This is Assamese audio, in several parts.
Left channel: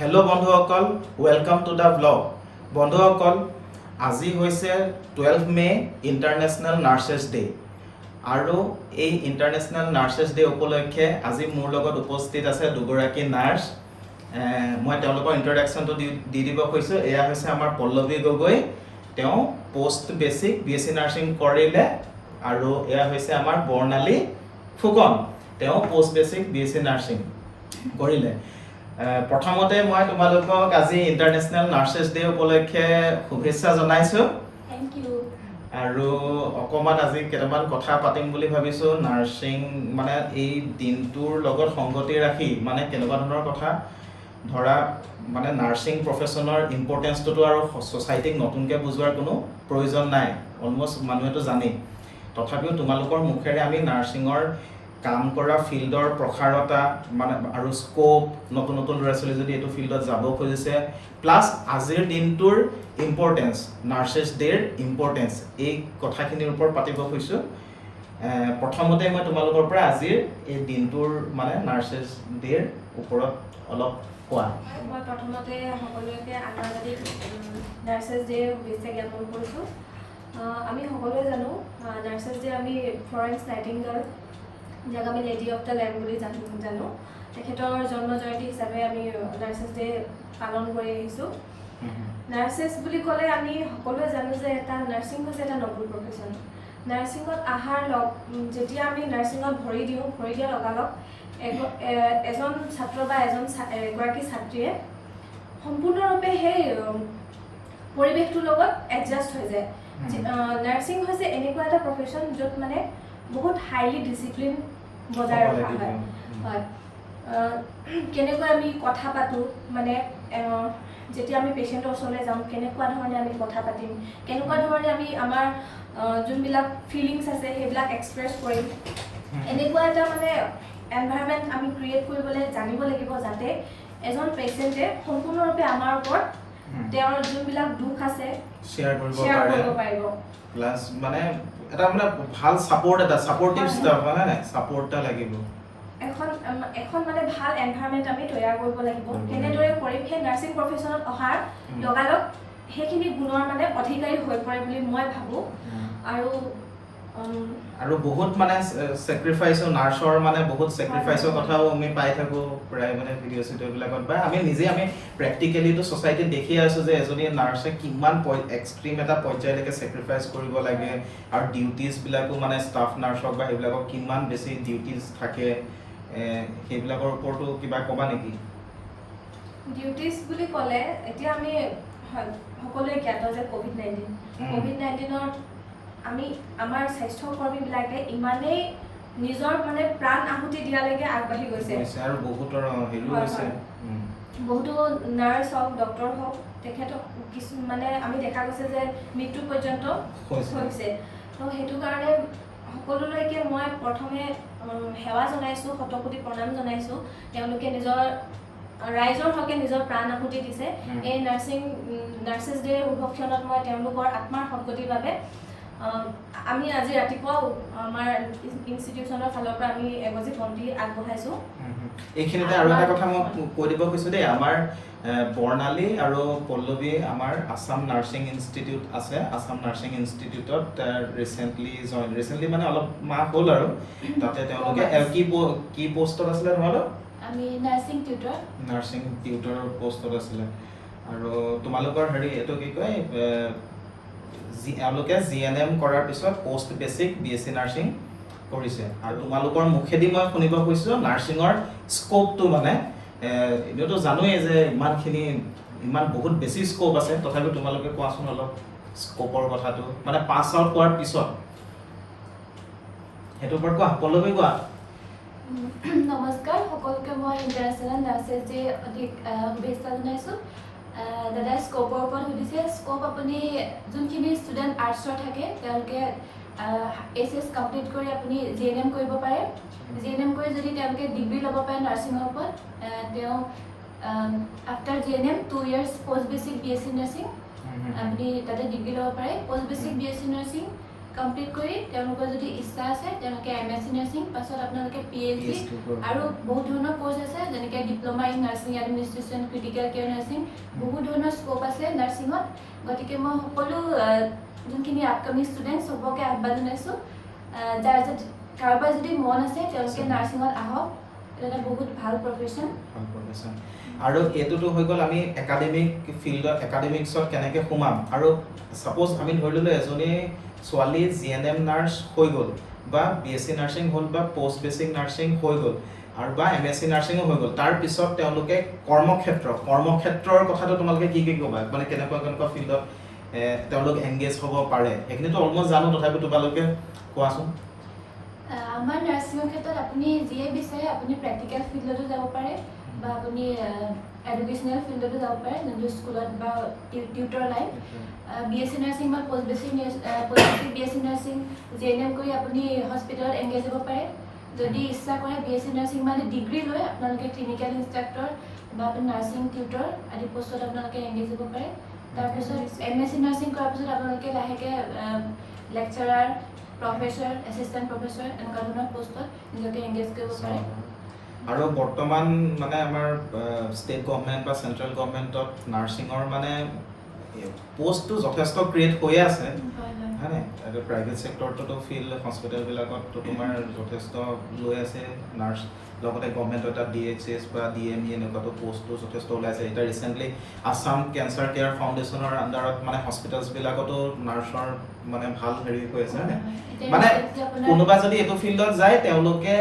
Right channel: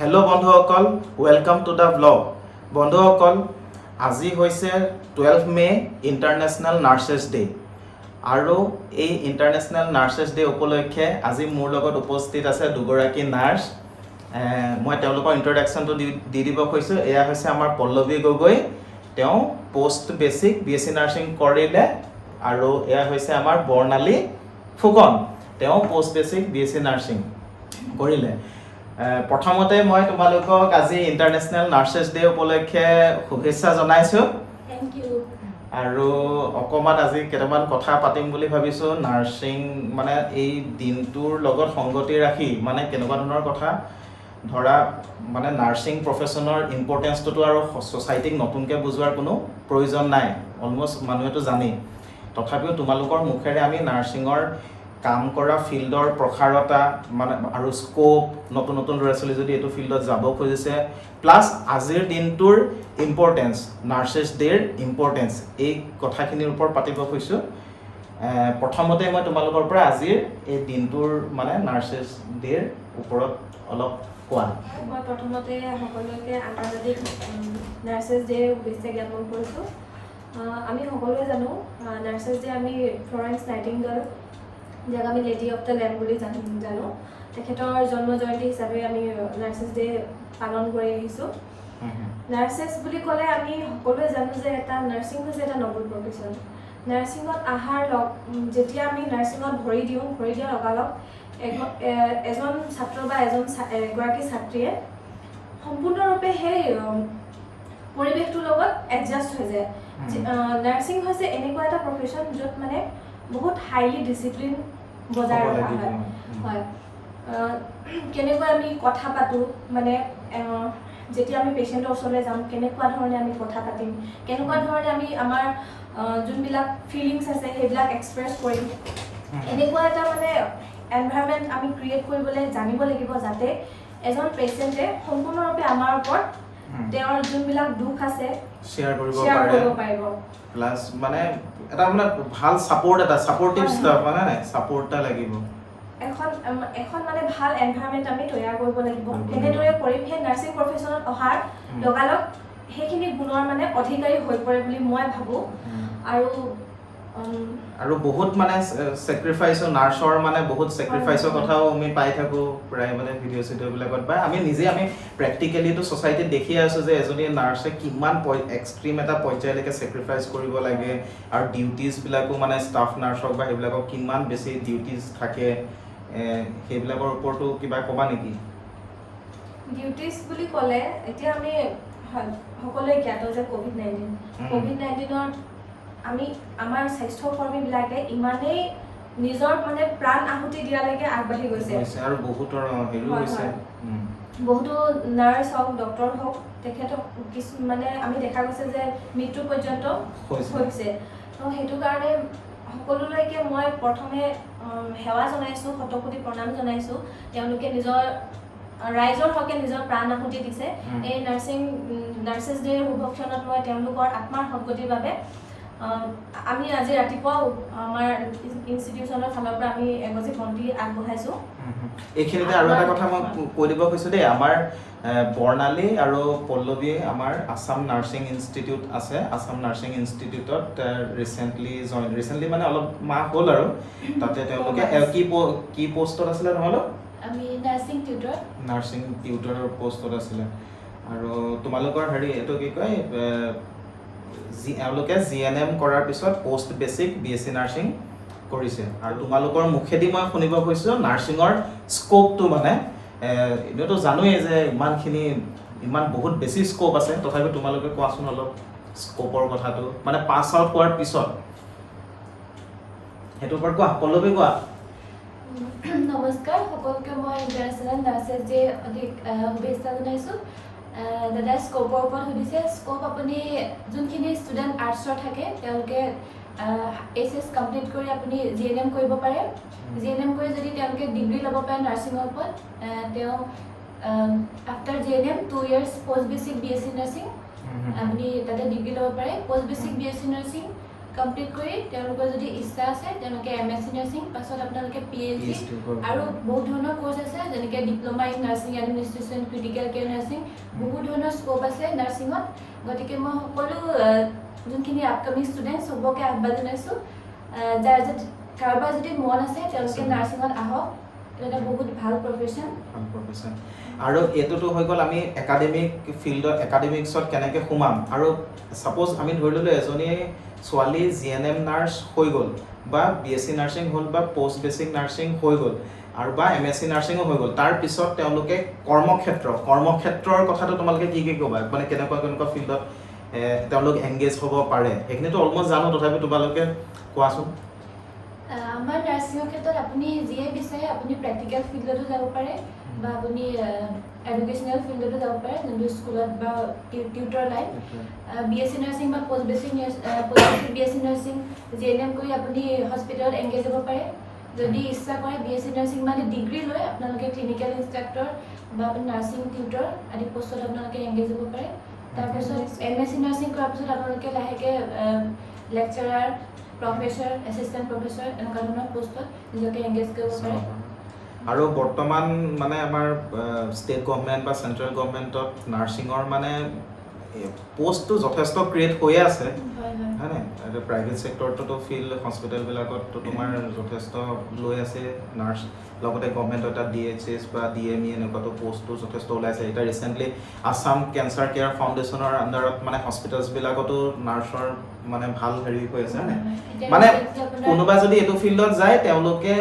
হেল্ল' বন্ধুসকল, ৱেলকাম টু দ্য ব্লগ। বন্ধুসকল, আজি হৈছে 12 মে ইণ্টাৰনেশ্যনেল নাৰ্ছেছ ডে। আৰু এই ইণ্টাৰনেশ্যনেল নাৰ্ছেছ ডে উপলক্ষে আজি মোৰ লগত উপস্থিত আছে দুগৰাকী নাৰ্ছ। মই তেওঁলোকৰ ইণ্ট্ৰডাকশ্যনটো দি দিব খুজিছোঁ। এয়া হৈছে আমাৰ পল্লৱী গগৈ, তেওঁ পষ্ট বেচিক BSc নাৰ্ছিং কৰিলে। আৰু এয়া হৈছে আমাৰ বৰ্ণালী ফুকন, তেওঁ পষ্ট বেচিক BSc নাৰ্ছিং কৰিলে। প্ৰথমতে মই তোমালোকক আজি ইণ্টাৰনেশ্যনেল নাৰ্ছেছ ডে উপলক্ষে শুভেচ্ছা জনাইছোঁ। আৰু অকণমান আজি কেইটামান কথা পাতিম বুলি ভাবিছোঁ। নাৰ্ছিং মানে এই দিনটোৰ লগত সংগতি ৰাখি মানে কেনেকুৱা ধৰণৰ কথা ধৰা, মানে নাৰ্ছিং প্ৰফেশ্যনৰ ইম্পৰ্টেঞ্চটোতো আৰু ছ'চাইটিক নতুনকৈ বুজোৱাৰ কোনো প্ৰয়োজন নাই, অলমষ্ট মানুহেতো জানেই। তথাপিও তোমালোকৰ মুখেৰে আমি নাৰ্ছিঙৰ কাম কৰা ফিল্ডৰ প্ৰসাৰতা মানে আৰু স্ক'প, নতুন নতুন ল'ৰা ছোৱালী যদি এইটো ফিল্ডত যাব খুজিছে, প্লাছ আজিৰ দিনটোৰ ইম্পৰ্টেঞ্চ, নাৰ্ছেছ ডে'ৰ ইম্পৰ্টেঞ্চ, এই কথাখিনিৰ ওপৰত পাতিব খুজিছোঁ। প্ৰথমতে মই তোমালোকৰ পৰা আজিৰ এই দিনটোৰ মানে নাৰ্ছেছ ডে'ৰ ওপৰত অলপ কোৱা। মই প্ৰথমতে সকলোকে আন্তৰ্জাতিক নাৰ্ছেছ ডে শুভেচ্ছা জ্ঞাপন কৰিছোঁ। আমি সকলোৱে জানো নাৰ্ছেছ ডে আমি ফ্লৰেন্স নাইটিংগেল, যাক আমি লেডি অফ দ্য লেম্প বুলি জানো, তেখেতৰ জন্ম জয়ন্তী হিচাপে আমি নাৰ্ছেছ ডে পালন কৰি আহিছোঁ। নাৰ্ছেছ বুলি ক'লে আমি সকলোৱে জানো যে এটা নাৰ্ছিং হৈছে এটা নবল প্ৰফেশ্যন। নাৰ্ছিঙত যেতিয়া আমি নাৰ্ছিঙত ভৰি দিয়া লগালগ এজন ছাত্ৰ বা এগৰাকী ছাত্ৰীয়ে সম্পূৰ্ণৰূপে সেই পৰিৱেশটোৰ লগত এডজাষ্ট হৈ যায়। নাৰ্ছিং হৈছে এনেকুৱা এটা প্ৰফেশ্যন য'ত মানে বহুত হাইলি ডিচিপ্লিন বজাই ৰখা হয়। কেনেকৈ আমি কথা পাতোঁ, মানে যেতিয়া আমি পেচেণ্টৰ ওচৰলৈ যাম কেনেকুৱা ধৰণে আমি কথা পাতিম, কেনেকুৱা ধৰণে আমি আমাৰ যোনবিলাক ফিলিংছ আছে সেইবিলাক এক্সপ্ৰেছ কৰিম, এনেকুৱা এটা মানে এনভাইৰনমেণ্ট আমি ক্ৰিয়েট কৰিবলৈ জানিব লাগিব, যাতে এজন পেচেণ্টে সম্পূৰ্ণৰূপে আমাৰ ওপৰত তেওঁৰ যোনবিলাক দুখ আছে শ্বেয়াৰ কৰিব পাৰিব। প্লাছ মানে এটা মানে ভাল ছাপৰ্টিভ ষ্টাফ মানে নাই, ছাপৰ্ট এটা লাগিব। এখন মানে ভাল এনভাইৰনমেণ্ট আমি তৈয়াৰ কৰিব লাগিব। কেনেদৰে কৰিম, সেই নাৰ্ছিং প্ৰফেশ্যনত অহাৰ লগালগ সেইখিনি গুণৰ মানে অধিকাৰী হৈ পৰে বুলি মই ভাবোঁ। আৰু বহুত মানে ছেক্ৰিফাইচৰ, নাৰ্ছৰ মানে বহুত ছেক্ৰিফাইচৰ কথাও আমি পাই থাকোঁ প্ৰায় মানে ভিডিঅ' চিডিঅ'বিলাকত, বা আমি প্ৰেক্টিকেলিটো ছ'চাইটিত দেখিয়ে আছোঁ যে এজনী নাৰ্ছে কিমান এক্সট্ৰিম এটা পৰ্যায়লৈকে ছেক্ৰিফাইচ কৰিব লাগে। আৰু ডিউটিজবিলাকো মানে ষ্টাফ নাৰ্ছক বা সেইবিলাকক কিমান বেছি ডিউটিজ থাকে, সেইবিলাকৰ ওপৰতো কিবা ক'বা নেকি? ডিউটিজ বুলি ক'লে এতিয়া আমি সকলোৱে জ্ঞাত যে ক'ভিড-19ত আমাৰ স্বাস্থ্যকৰ্মীবিলাকে ইমানেই নিজৰ মানে প্ৰাণ আহুতি দিয়ালৈকে আগবাঢ়ি গৈছে। আৰু বহুতো নাৰ্ছ হওক, ডক্তৰ হওক, তেখেতক মানে আমি দেখা গৈছে যে মৃত্যু পৰ্যন্ত হৈছে। তো সেইটো কাৰণে সকলোলৈকে মই প্ৰথমে সেৱা জনাইছোঁ, শতকোটি প্ৰণাম জনাইছোঁ। তেওঁলোকে নিজৰ ৰাইজৰ হকে নিজৰ প্ৰাণ আহুতি দিছে। এই নাৰ্ছেছ ডে'ৰ শুভক্ষণত মই তেওঁলোকৰ আত্মাৰ সদ্গতিৰ বাবে আমি আজি ৰাতিপুৱাও আমাৰ ইনষ্টিটিউচনৰ ফালৰ পৰা আমি এগছি বন্তি আগবঢ়াইছোঁ। এইখিনিতে আৰু এটা কথা মই কৈ দিব খুজিছোঁ দেই, আমাৰ বৰ্ণালী আৰু পল্লৱী আমাৰ আছাম নাৰ্ছিং ইনষ্টিটিউট আছে। আছাম নাৰ্ছিং ইনষ্টিটিউটত ৰিচেণ্টলি মানে অলপ মাহ হ'ল আৰু তাতে তেওঁলোকে কি পষ্টত আছিলে তোমালোক? আমি নাৰ্ছিং টিউটৰৰ পষ্টত আছিলে। আৰু তোমালোকৰ এইটো কি কয়, এওঁলোকে GNM কৰাৰ পিছত পষ্ট বেচিক BSc নাৰ্ছিং কৰিছে। আৰু তোমালোকৰ মুখেদি মই শুনিব খুজিছোঁ নাৰ্ছিঙৰ স্ক'পটো, মানে এনেওতো জানোৱেই যে ইমান বহুত বেছি স্ক'প আছে, তথাপিও তোমালোকে কোৱাচোন অলপ স্ক'পৰ কথাটো, মানে পাছ আউট হোৱাৰ পিছত সেইটোৰ ওপৰত কোৱা। পল্লৱী কোৱা। নমস্কাৰ, সকলোকে মই ইণ্টাৰনেশ্যনেল নাৰ্ছেছ ডে শুভেচ্ছা জনাইছোঁ। দাদাই স্ক'পৰ ওপৰত সুধিছে। স্ক'প আপুনি যোনখিনি ষ্টুডেণ্ট আৰ্টছৰ থাকে তেওঁলোকে HS কমপ্লিট কৰি আপুনি GNM কৰিব পাৰে। GNM কৰি যদি তেওঁলোকে ডিগ্ৰী ল'ব পাৰে নাৰ্ছিঙৰ ওপৰত, তেওঁ after GNM 2 years post basic BSc nursing আপুনি তাতে ডিগ্ৰী ল'ব পাৰে। Post basic BSc nursing complete কৰি তেওঁলোকৰ যদি ইচ্ছা আছে তেওঁলোকে MSc নাৰ্ছিং পাছত আপোনালোকে PhD আৰু বহুত ধৰণৰ কোৰ্চ আছে যেনেকৈ diploma in nursing administration critical care nursing বহুত ধৰণৰ স্ক'প আছে নাৰ্ছিঙত গতিকে মই সকলো যোনখিনি আপকামিং ষ্টুডেণ্ট চবকে আহ্বান জনাইছোঁ যাৰ কাৰোবাৰ যদি মন আছে তেওঁলোকে নাৰ্ছিঙত আহক এটা বহুত ভাল প্ৰফেশ্যন আৰু এইটোতো হৈ গ'ল আমি একাডেমিক ফিল্ডত একাডেমিক্সত কেনেকৈ সোমাম আৰু ছাপ'জ আমি ধৰি ল'লোঁ এজনী ছোৱালী GNM নাৰ্ছ হৈ গ'ল বা BSc নাৰ্ছিং হ'ল বা পষ্ট বেচিক নাৰ্ছিং হৈ গ'ল আৰু বা MSc নাৰ্ছিঙো হৈ গ'ল তাৰপিছত তেওঁলোকে কৰ্মক্ষেত্ৰৰ কথাটো তোমালোকে কি ক'বা মানে কেনেকুৱা ফিল্ডত তেওঁলোক এংগেজ হ'ব পাৰে সেইখিনিতো অলমষ্ট জানো তথাপি তোমালোকে কোৱাচোন আমাৰ নাৰ্ছিঙৰ ক্ষেত্ৰত আপুনি যিয়ে বিচাৰে আপুনি প্ৰেক্টিকেল ফিল্ডতো যাব পাৰে বা আপুনি এডুকেশ্যনেল ফিল্ডতো যাব পাৰে যোনটো স্কুলত বা টিউটৰ লাইন BSc নাৰ্ছিং বা post basic BSc nursing GNM কৰি আপুনি হস্পিটেলত এংগেজ হ'ব পাৰে যদি ইচ্ছা কৰে BSc নাৰ্ছিং মানে ডিগ্ৰী লৈ আপোনালোকে ক্লিনিকেল ইনষ্ট্ৰাক্টৰ বা আপুনি নাৰ্ছিং টিউটৰ আদি পষ্টত আপোনালোকে এংগেজ হ'ব পাৰে তাৰপিছত MSc নাৰ্ছিং কৰাৰ পিছত আপোনালোকে লাহেকৈ লেকচাৰাৰ প্ৰফেছৰ এছিষ্টেণ্ট প্ৰফেছৰ এনেকুৱা ধৰণৰ পষ্টত নিজকে এংগেজ কৰিব পাৰে আৰু বৰ্তমান মানে আমাৰ ষ্টেট গভৰ্ণমেণ্ট বা চেণ্ট্ৰেল গভৰ্ণমেণ্টত নাৰ্ছিঙৰ মানে পোষ্টটো যথেষ্ট ক্ৰিয়েট হৈয়ে আছে হয়নে আৰু প্ৰাইভেট ছেক্টৰটোতো ফিল্ড হস্পিটেলবিলাকতো তোমাৰ যথেষ্ট লৈ আছে নাৰ্ছ লগতে গভৰ্ণমেণ্টৰ এটা DHS বা DME এনেকুৱাতো পোষ্টটো যথেষ্ট ওলাইছে এতিয়া ৰিচেণ্টলি আছাম কেঞ্চাৰ কেয়াৰ ফাউণ্ডেশ্যনৰ আণ্ডাৰত মানে হস্পিটেলছবিলাকতো নাৰ্ছৰ মানে ভাল হেৰি হৈ আছে মানে কোনোবা যদি এইটো ফিল্ডত যায় তেওঁলোকে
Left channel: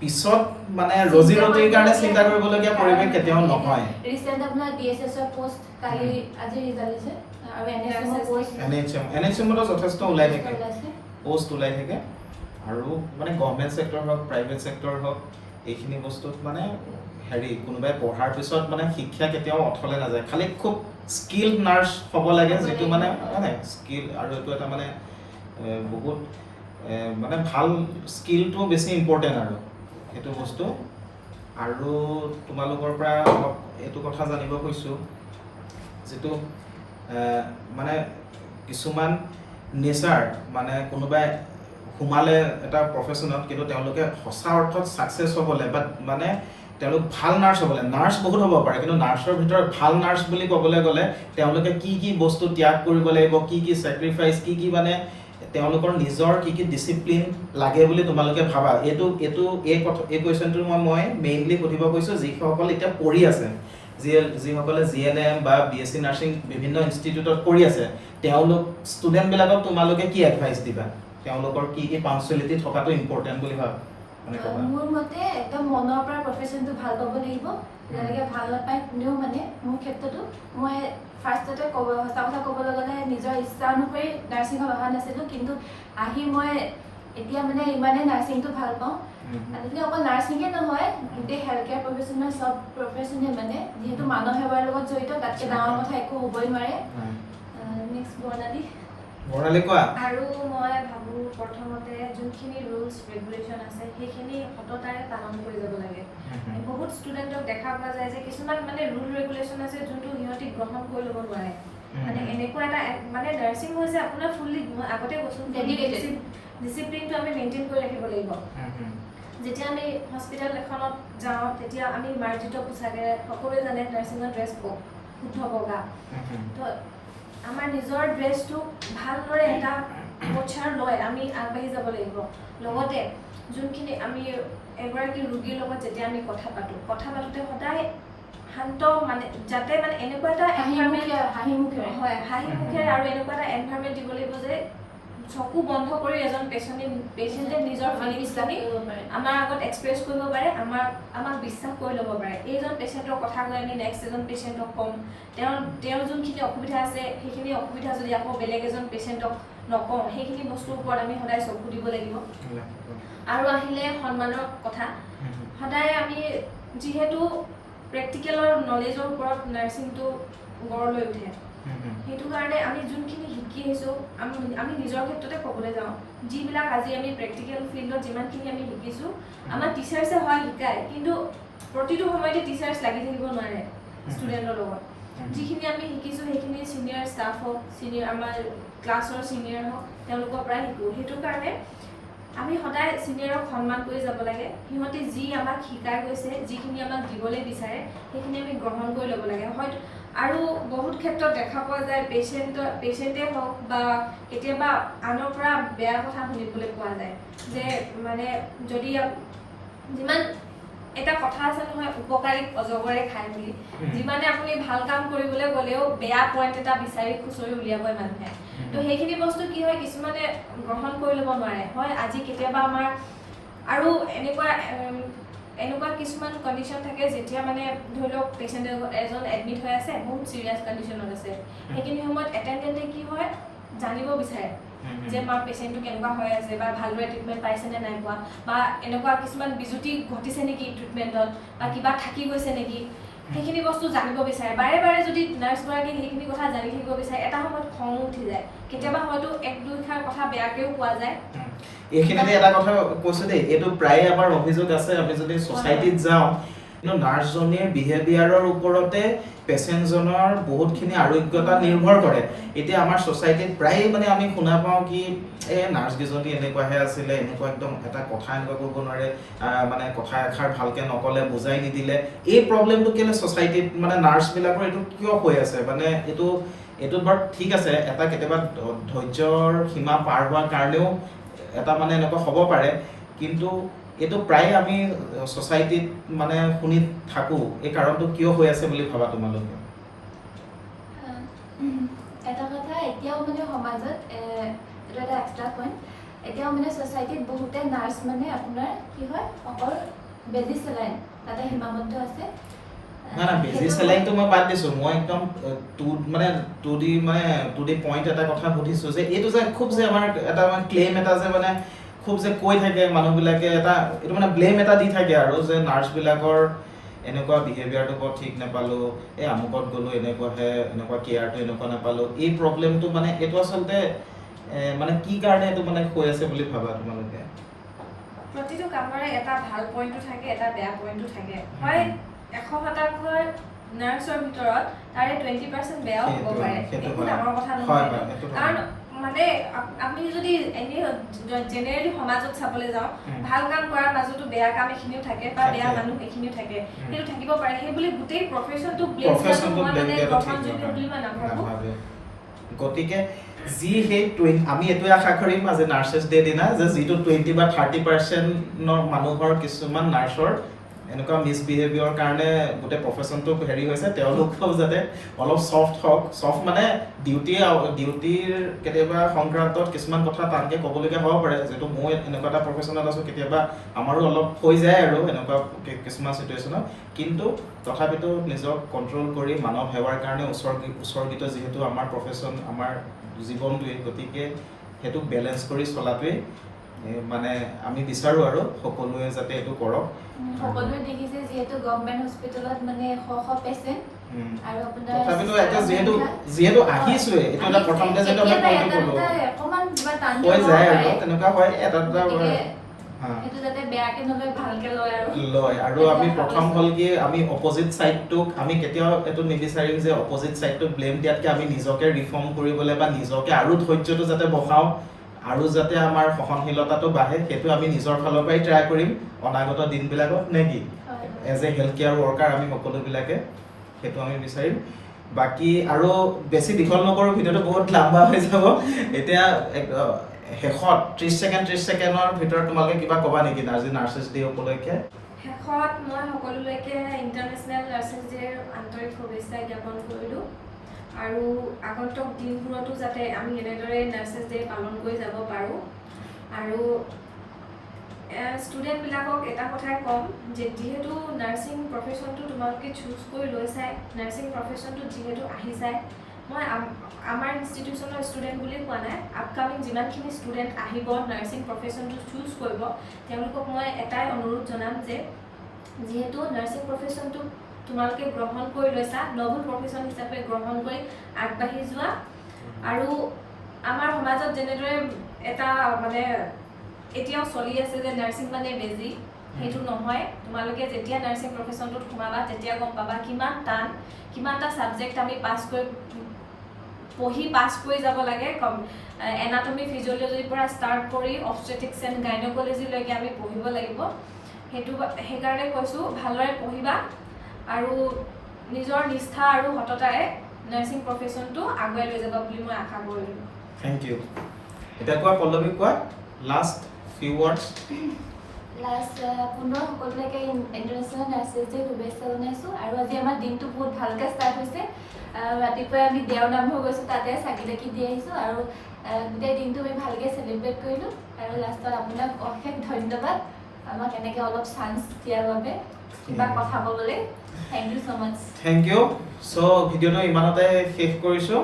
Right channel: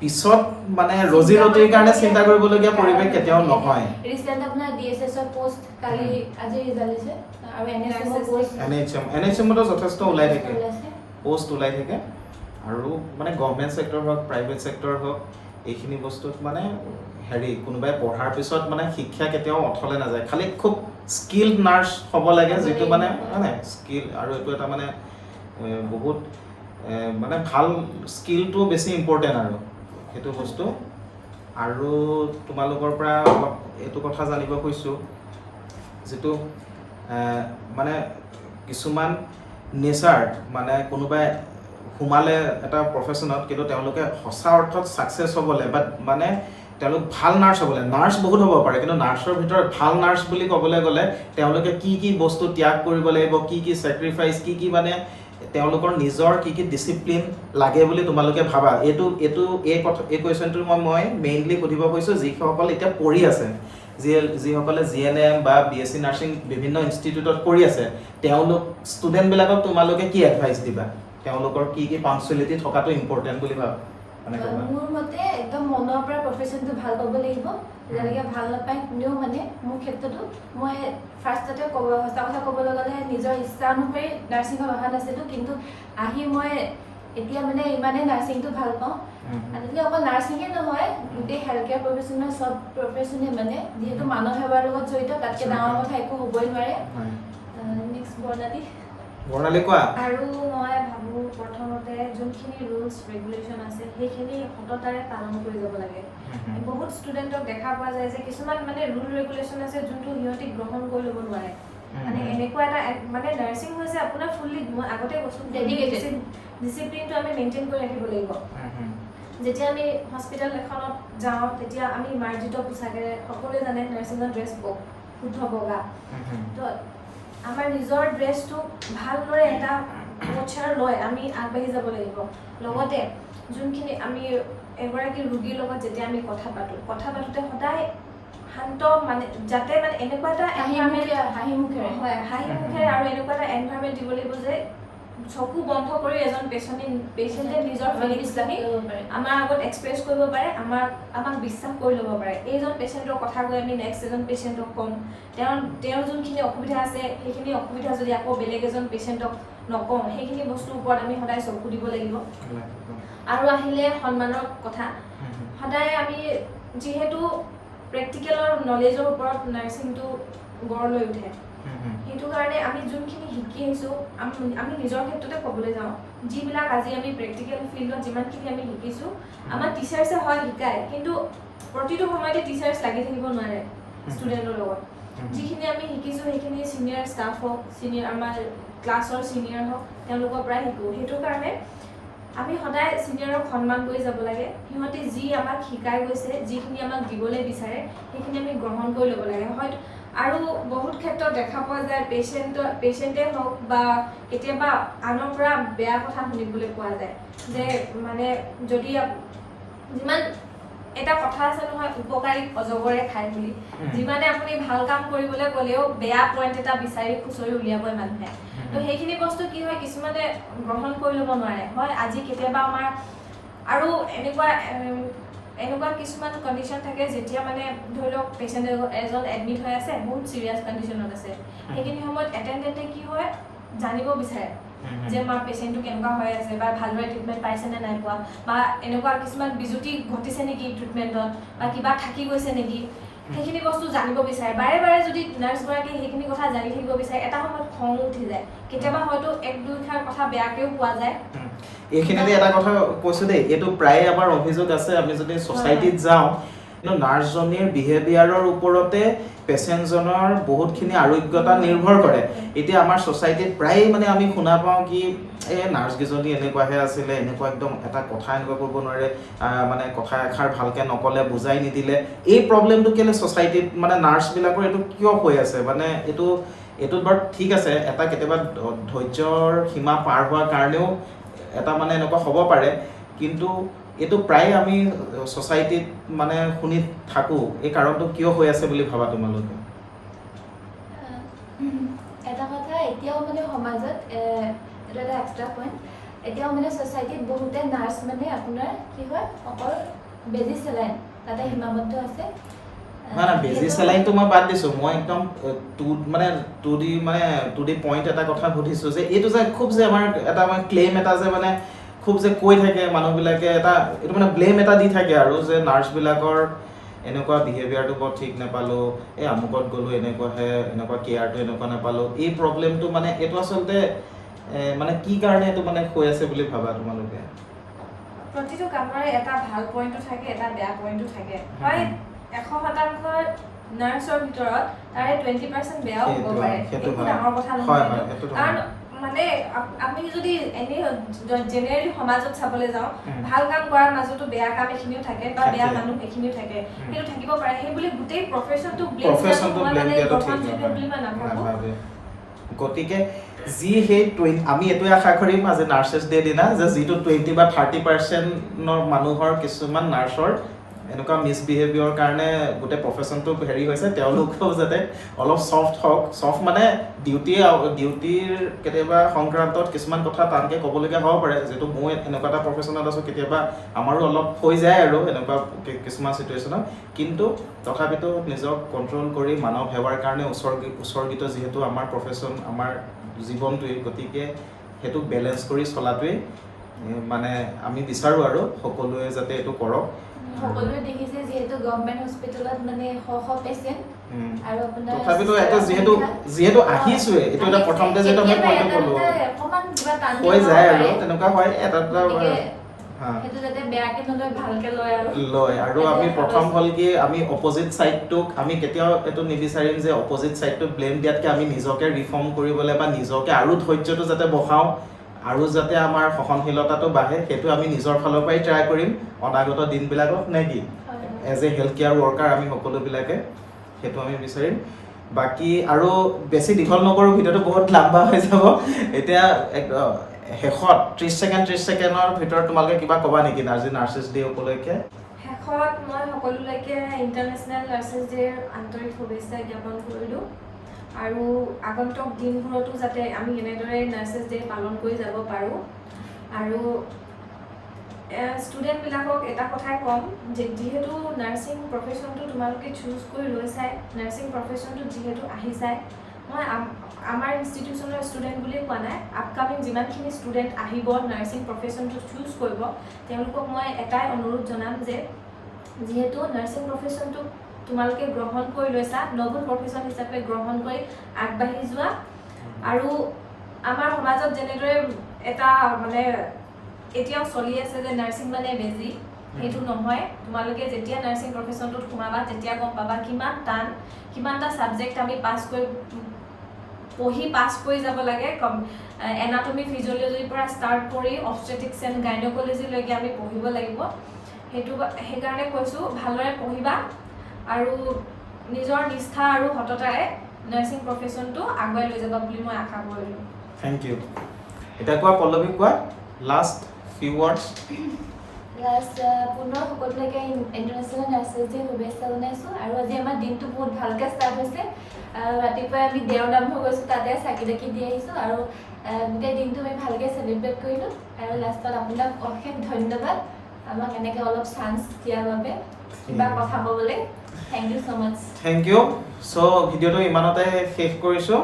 পিছত মানে ৰজি ৰটিৰ কাৰণে চিন্তা কৰিবলগীয়া পৰিৱেশ কেতিয়াও নহয় ৰিচেণ্ট আপোনাৰ DSSৰ পোষ্ট কালি আজি ৰিজাল্ট হৈছে আৰু NHMতো যথেষ্ট ওলাই থাকে পোষ্ট ওলাই থাকে আৰু মানে গভৰ্ণমেণ্ট ছেক্টৰ হওক প্ৰাইভেট ছেক্টৰ হওক এইখিনি বস্তুত মানে হেৰি কোনোবাই পঢ়াৰ পিছত মানে শিক্ষা কেতিয়াও অথলে নাযায় খালি খুব স্কিল্ড নাৰ্ছ হ'ব লাগে যিটো মানে স্কিল আৰু এইটো এটা মানে বহুত মানে ভাল স্কিলটো বেছি ইম্পৰ্টেণ্ট আৰু সেইটো বস্তু আৰু তোমালোকৰ পৰা অলপ এইটো কথা জানিব খুজিছোঁ যিটো মানে কিছুমান নেচাৰ মানে কোনোবাই সোমালে এটা প্ৰফেশ্যনত কিন্তু তেওঁলোকে সঁচা অৰ্থত ছাকচেছ হ'বলৈ বা মানে তেওঁলোক ভাল নাৰ্ছ হ'বলৈ নাৰ্ছ বহুত হ'ব পাৰে কিন্তু নাৰ্ছৰ ভিতৰত ভাল নাৰ্ছ বুলি ক'বলৈ গ'লে তেওঁলোকে কি বস্তু ত্যাগ কৰিব লাগিব কি ছেক্ৰিফাইচ কি মানে তেওঁলোকৰ নিজৰ কি ডিচিপ্লিন লাগে বুলি তোমালোকে ভাবা এই কুৱেশ্যনটো মই মেইনলি সুধিব কৈছোঁ যিসকল এতিয়া পঢ়ি আছে যিসকলে GNM বা BSc নাৰ্ছিং বিভিন্ন ইনষ্টিটিউটত কৰি আছে তেওঁলোক ষ্টুডেণ্টবিলাকক তোমালোকে কি এডভাইচ দিবা তেওঁলোকৰ কি পাংচুৱেলিটি থকাটো ইম্পৰ্টেণ্ট বুলি ভাবা মোৰ মতে একদম মনৰ পৰা প্ৰফেশ্যনটো ভাল পাব লাগিব যেনেকৈ ভাল নাপায় কোনেও মানে মোৰ ক্ষেত্ৰতো মই ফাৰ্ষ্টতে সঁচা কথা ক'বলৈ গ'লে নিজৰ ইচ্ছা অনুসৰি নাৰ্ছিঙত অহা নাছিলোঁ কিন্তু আহি মই এতিয়া মানে ইমানেই নাৰ্ছিংটো ভাল পাওঁ আজিকালি অকল নাৰ্ছিঙে নহয় গোটেই হেল্থ কেয়াৰ প্ৰফেশ্যনৰ চব প্ৰফেশ্যনে মানে যিহেতু মানৱ সেৱাৰ লগত জড়িত তাতকৈ ডাঙৰ কথা একো হ'বই নোৱাৰে নেক্সট বৰ্ণালী কোৱা আৰু মই ভাবোঁ প্ৰথমতে যোনখিনি ৰুলছ ৰেগুলেশ্যন আছে সেইখিনি সততাৰে পালন কৰি যাব লাগে বহুত ষ্টুডেণ্টক দেখা পোৱা যায় যে কিছুমান মানে ৰুল ৰেগুলেশ্যন আছে যোনটো সিহঁতি গ্ৰহণ কৰি ল'ব নোৱাৰে মানে এনেকুৱা এটা মানে নাৰ্ছিং হৈছে আপোনাৰ ফুল্লি মই আগতে কৈছোঁ ডিচিপ্লিনটো আমি মেইনটেইন কৰি ৰাখিব লাগিব যেতিয়া আমি হস্পিটেল এখনত যাওঁ তেতিয়া আমি মাৰ্জিত পোছাকেৰে সকলোৱে জানে নাৰ্ছিঙৰ ড্ৰেছ শুদ্ধ বগা তো আমাৰ নিজৰ ড্ৰেছটো ভালদৰে এটা পচাৰ লৈ আমি আগবাঢ়ি যাব লাগিব লগতে যোনখিনি আমি এগৰাকী ৰোগীৰ লগত যেতিয়া আমি কথা পাতোঁতে সদায় শান্ত মানে যাতে মানে এনেকুৱা এটা হাঁহি মুখেৰে আৰু এনেকুৱা এটা এনভাইৰনমেণ্ট দিব লাগিব যে চকু বন্ধ কৰি এজন পেচেণ্টে নিজৰ ফিলিংছখিনি আমাৰ আগত এক্সপ্ৰেছ কৰিব পাৰে আমাক বিশ্বাস কৰি ল'ব পাৰে এইজন পেচেণ্টৰ কথা কৈ আমি নেক্সট এজন পেচেণ্টক ক'ম তেওঁৰ যোনখিনি অসুবিধা আছে সেইখিনি অসুবিধা যদি আকৌ বেলেগ এজন পেচেণ্টক নকওঁ সেইখিনি বস্তুৰ ওপৰত আমি সদায় চকু দিব লাগিব আৰু আহিলে সন্মানৰ কথা সদায় আমি যিহেতু প্ৰেক্টিকেলৰ নলেজৰ ওপৰত নাৰ্ছিংটো গঢ় লৈ উঠে সেইটো কাৰণে আমি যোনখিনি শিকি আহিছোঁ আমি নিজৰ ক্ষেত্ৰতে ক'বলৈ যাওঁ যিবিলাক আজি আমি প্ৰেক্টিকেল ফিল্ডত যিমানখিনি আমি শিকিছোঁ আমাৰ টিচাৰ্ছে হয় শিকায় কিন্তু প্ৰতিটো সময়তে টিচাৰ্ছ লাগি থাকিব নোৱাৰে ষ্টুডেণ্টৰ লগত যিখিনি আমি শিকিছোঁ সেইখিনি ছিনিয়ৰ ষ্টাফ হওক, ছিনিয়ৰ আমাৰ ক্লাছৰ ছিনিয়ৰ হওক, তেওঁলোকৰ পৰাই শিকোঁ। সেইটো কাৰণে আমি সদায় ছিনিয়ৰক সন্মান কৰি যাব লাগে। সিহঁতে যি আমাক শিকাই গৈছে, যিখিনি আমাক দিবলৈ বিচাৰে সেইখিনি আমি গ্ৰহণ কৰি ল'ব লাগে। হয়তো আৰু বহুত ক্ষেত্ৰত দেখা পোৱা যায় পেচেণ্টে হওক বা কেতিয়াবা আনৰ পৰা বেয়া কথা শুনিবলৈ পোৱা যায় যে মানে যদি যিমান এটা কথা আছে নহয়, উপকাৰীক অজগৰে খায় বুলি। যিমানে আপুনি ভাল কাম কৰিবলৈ গ'লেও বেয়া পইণ্ট এটা বিচাৰি খুচৰি উলিয়াবই মানুহে। তো সেইখিনি বস্তু কি হয়, কিছুমানে গ্ৰহণ কৰি ল'ব নোৱাৰে। হয় আজি কেতিয়াবা আমাৰ আৰু এনেকুৱা কিছুমান কণ্ডিশ্যন থাকে যেতিয়া মানে ধৰি লওক পেচেণ্ট এজন এডমিট হৈ আছে, বহুত চিৰিয়াছ কণ্ডিশ্যনত আছে। সেইখিনি সময়ত এটেণ্ডেণ্টে কি হয় জানিব বিচাৰে যে আমাৰ পেচেণ্টটো কেনেকুৱা হৈ আছে বা ভালদৰে ট্ৰিটমেণ্ট পাইছে নে নাই পোৱা, বা এনেকুৱা কিছুমান বিজুতি ঘটিছে নেকি ট্ৰিটমেণ্টত, বা কিবা থাকি গৈছে নেকি, সেইখিনি বস্তু জানিব বিচাৰে। বাৰে বাৰে যদি নাৰ্ছগৰাকীয়ে সেইখিনি কথা জানি থাকিব বিচাৰে, এটা সময়ত খঙো উঠি যায়। কেতিয়াবা হয়তো এক দুইষাৰ কথা বেয়াকৈও কোৱা যায়। এইখিনিতে এটা কথা কৈছোঁ দেই, এইটো প্ৰায়ে আমাৰ অভিযোগ আছে। আমি যদি ছ'চাইটিত যাওঁ, কিন্তু নাৰ্ছজনীৰ বিহেভিয়াৰৰ ওপৰতে পেচেণ্টজনৰ বহুতখিনি আৰোগ্যতা নিৰ্ভৰ কৰে। এতিয়া আমাৰ ছ'চাইটিত প্ৰায়ে মানে আমি শুনা পাওঁ কি এই নাৰ্ছকেইজনী এনেকুৱাহে আছিলে, এনেকুৱা একদম এটা কথা এনেকুৱা কৰিব নোৱাৰে, মানে কথা এষাৰ ভালকৈ নক'লে, বুজাই নিদিলে। এই প্ৰব্লেমটো কেলৈ ছ'চাইটিত মানে নাৰ্ছবিলাকৰ এইটো কিয় হৈ আছে? মানে এইটোত বাৰু ঠিক আছে, এটা কেতিয়াবা ধৈৰ্যৰ সীমা পাৰ হোৱাৰ কাৰণেও এটা মানে এনেকুৱা হ'ব পাৰে, কিন্তু এইটো প্ৰায় আমি ছ'চাইটিত মানে শুনি থাকোঁ। এই কাৰণটো কিয় হৈ আছে বুলি ভাবা তোমালোকে? এটা কথা এতিয়াও মানে সমাজত এটা এক্সট্ৰা পইণ্ট, এতিয়াও মানে ছ'চাইটিত বহুতে নাৰ্ছ মানে আপোনাৰ কি হয় অকল বেজি চেলাইন তাতে সীমাবদ্ধ আছে। নাই বেজি চেলাইনটো মই বাদ দিছোঁ, মই একদম টু দি পইণ্ট এটা কথা সুধিছোঁ যে এইটো যে খুব যে আমাৰ এটা মানে ক্লেইম এটা যে মানে খুব যে কৈ থাকে মানুহবিলাকে, এইটো মানে ব্লেম এটা দি থাকে আৰু যে নাৰ্ছবিলাকৰ এনেকুৱা বিহেভিয়াৰটো বৰ ঠিক নাপালোঁ, এই আমুকত গ'লোঁ এনেকুৱাহে, এনেকুৱা কেয়াৰটো এনেকুৱা নাপালোঁ। এই প্ৰব্লেমটো মানে এইটো আচলতে মানে কি কাৰণে এইটো মানে হৈ আছে বুলি ভাবা তোমালোকে? প্ৰতিটো কামৰে এটা ভাল পইণ্টটো থাকে, এটা বেয়া পইণ্টটো থাকে। হয় 100% নাৰ্ছৰ ভিতৰত তাৰে 20% বেয়াও হ'ব পাৰে, একো ডাঙৰ কথা নহয়। কাৰণ মানে আমি যদি এনেই জেনেৰেলি সমাজত চাবলৈ যাওঁ, ভাল কাম কৰাৰ মাজতো বেয়া কাম এখিনিও থাকে বা বেয়া মানুহ এখিনিও থাকে, সেইটো থাকিব পাৰে। সেই বুলি গোটেই প্ৰফেশ্যনটো ব্লেম দিয়াটো মই মানে গ্ৰহণযোগ্য বুলি মই নাভাবোঁ। গতিকে আমি এইটোৱে আশা কৰিম আজি নাৰ্ছেছ ডে দিনা যে যিটো 20 বা 30% মানুহৰ কিছুমান নাৰ্ছৰ এনেকুৱা মিছবিহেভিয়ৰ কাৰণে গোটেই প্ৰফেশ্যনটো হেৰি হৈছে, তেওঁলোকেও যাতে অলপ ছফ্ট হওক। ছফ্ট মানে ডিউটিৰ কেতিয়াবা সংক্ৰান্তত কিছুমান কথা টানকৈ ক'বলগীয়া হ'ব পাৰে, যিহেতু মই এনেকুৱা এটা প্ৰফেশ্যনত আছোঁ, কেতিয়াবা আমাৰো অলপ হৈ যায় আৰু এনেকুৱা কিছুমান চিটুৱেশ্যনত। কিন্তু তথাপিতো নিজক কণ্ট্ৰল কৰি মানৱ সেৱাৰ কাৰণে উৎসৰ্গিত যিহেতু আমাৰ প্ৰফেশ্যন, আমাৰ জীৱনটোৱে, গতিকে সেইটো বেলেঞ্চ কৰি চলাটোৱেই মানে আমি বিচাৰোঁ আৰু সকলোৱে যাতে এইটো কৰক। সকলোৱে দেখিছে যিহেতু গভৰ্ণমেণ্ট হস্পিটেলত মানে শ পেচেণ্ট আৰু আপোনাৰ তথাপিতো এটা যিহেতু আহিছোৱে, এইটো এটা প্ৰথমতে যিহেতু আমি পইণ্টটো ক'লোঁ হৈ যায় আৰু তেনেকুৱা হয় এটা লয়। আৰু আমি প্ৰথম হ'ল কি আমি অপজিট ছাইডটোক আমি কেতিয়াও এইটো নিবিচাৰিম যে অপজিট ছাইডটোক ব্লেম দিয়াতকৈ আমি নিজকে ৰিফৰ্ম কৰিবলৈ বা নিজকে আৰু ধৈৰ্যটো যাতে বঢ়াওঁ, আৰু যাতে আমাৰ সহনশীলতাটো বাঢ়ে, সেইটো আমি নিজৰ ফালৰ পৰাই ট্ৰাই কৰিম অনাগত দিনবিলাকত, নে কি? As a health care worker আমি সকলোবিলাকে সেইটো আমি বিচাৰিম। বাকী আৰু বেছি দীঘল নকৰোঁ, ভিডিঅ'টো বহুত লাম্বা হৈ যাব। এতিয়া শেষত 30 ছেকেণ্ডৰ ভিতৰত তোমালোকে কিবা ক'বা নেকি আজি নাৰ্ছেছ ডে উপলক্ষে? শেষত মই সকলোলৈকে ইণ্টাৰনেশ্যনেল নাৰ্ছেছ ডেৰ আন্তৰিক শুভেচ্ছা জ্ঞাপন কৰিলোঁ। আৰু আগন্তুক দিনবোৰতো যাতে আমি এনেদৰে নাৰ্ছেছ ডে পালন কৰি যাব পাৰোঁ। আৰু ষ্টুডেণ্টবিলাকক এটা কথাই ক'ম যে যিহেতু নাৰ্ছিং প্ৰফেশ্যনটো তোমালোকে চুজ কৰি লৈছাই, নাৰ্ছিং প্ৰফেশ্যনটোত যিহেতু আহিছাই, মই আমাৰ ইনষ্টিটিউশ্যনৰ ষ্টুডেণ্ট বুলি কোৱা নাই, আপকামিং যিমানখিনি ষ্টুডেণ্ট আহিব নাৰ্ছিং প্ৰফেশ্যনটো চুজ কৰিব, তেওঁলোকক মই এটাই অনুৰোধ জনাম যে যিহেতু নাৰ্ছিং প্ৰফেশ্যনটো তোমালোকে গ্ৰহণ কৰি লৈছা, নভেল প্ৰফেশ্যন হিচাপে গ্ৰহণ কৰি আগবাঢ়ি যোৱা। আৰু আমাৰ সমাজত যেনেদৰে এটা মানে এতিয়াও চলি আছে যে নাৰ্ছিং মানে বেজি, সেইটো নহয় তোমালোকে যেতিয়া নাৰ্ছিং প্ৰফেশ্যনটোত সোমাবা তেতিয়া গম পাবা কিমান টান কিমানটা ছাবজেক্ট আমি পঢ়ি পাছ কৰি যাব লাগে এনাটমি ফিজিঅলজিৰ পৰা ষ্টাৰ্ট কৰি অবষ্টেট্ৰিক্স এণ্ড গাইনকলজিলৈকে আমি পঢ়িব লাগিব সেইকাৰণে কৈছোঁ ভালদৰে পঢ়িবা আৰু নিজৰ নিষ্ঠা আৰু সততাৰে নাৰ্ছিং প্ৰফেশ্যনটো আগুৱাই লৈ যাবা বুলি মই আশা কৰিলোঁ থেংক ইউ এতিয়া কোৱা পল্লৱী কোৱা লাষ্ট ফিউ ৱৰ্ডছ লাষ্ট পুনৰ সকলোলৈকে ইণ্টাৰনেশ্যনেল নাৰ্ছেছ ডে শুভেচ্ছা জনাইছোঁ আৰু আজি আমাৰ দিনটো বহুত ভালকৈ ষ্টাৰ্ট হৈছে ৰাতিপুৱাই আমি দেওৰ নাম হৈ গৈছোঁ তাতে চাকি তাকি দি আহিছোঁ আৰু গোটেই দিনটো আমি ভালকৈ চেলিব্ৰেট কৰিলোঁ আৰু লাষ্টত আপোনাক অশেষ ধন্যবাদ আমাক এনেকৈ অলপ চান্স দিয়াৰ বাবে কিবা কথা ক'বলৈ thank you so' much thank you so' ভিডিঅ'টো ইমানতে শেষ কৰিছোঁ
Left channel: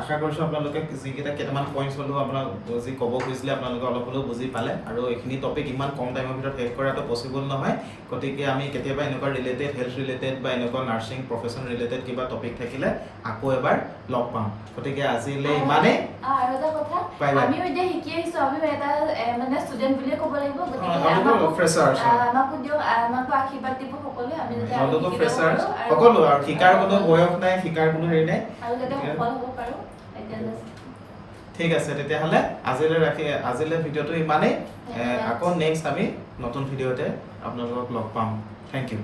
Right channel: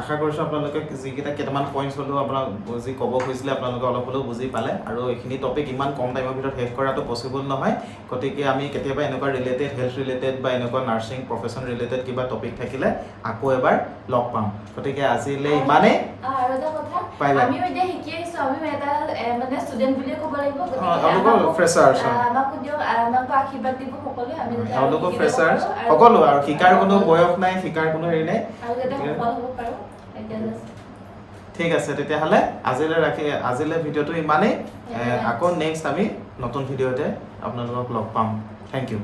আশা কৰিছোঁ আপোনালোকে যিকেইটা কেইটামান পইণ্টছ হ'লেও আপোনাক যি ক'ব খুজিছিলে আপোনালোকে অলপ হ'লেও বুজি পালে আৰু এইখিনি টপিক ইমান কম টাইমৰ ভিতৰত শেষ কৰাটো পচিবল নহয় গতিকে আমি কেতিয়াবা এনেকুৱা ৰিলেটেড হেল্থ ৰিলেটেড বা এনেকুৱা নাৰ্ছিং প্ৰফেশ্যন ৰিলেটেড কিবা টপিক থাকিলে আকৌ এবাৰ লগ পাম গতিকে আজিলৈ ইমানেই আৰু এটা কথা আমিও এতিয়া শিকি আহিছোঁ আমি এটা মানে ষ্টুডেণ্ট বুলিয়ে ক'ব লাগিব আমাকো আশীৰ্বাদ দিব সকলোৱে আমি তেওঁলোকৰ ফ্ৰেছাৰ্ছ সকলো আৰু শিকাৰ কোনো বয়স নাই শিকাৰ কোনো হেৰি নাই আৰু যাতে সফল হ'ব পাৰোঁ ঠিক আছে তেতিয়াহ'লে আজিলৈ ভিডিঅ'টো ইমানেই আকৌ নেক্সট আমি নতুন ভিডিঅ'তে আপোনালোকক লগ পাম থেংক ইউ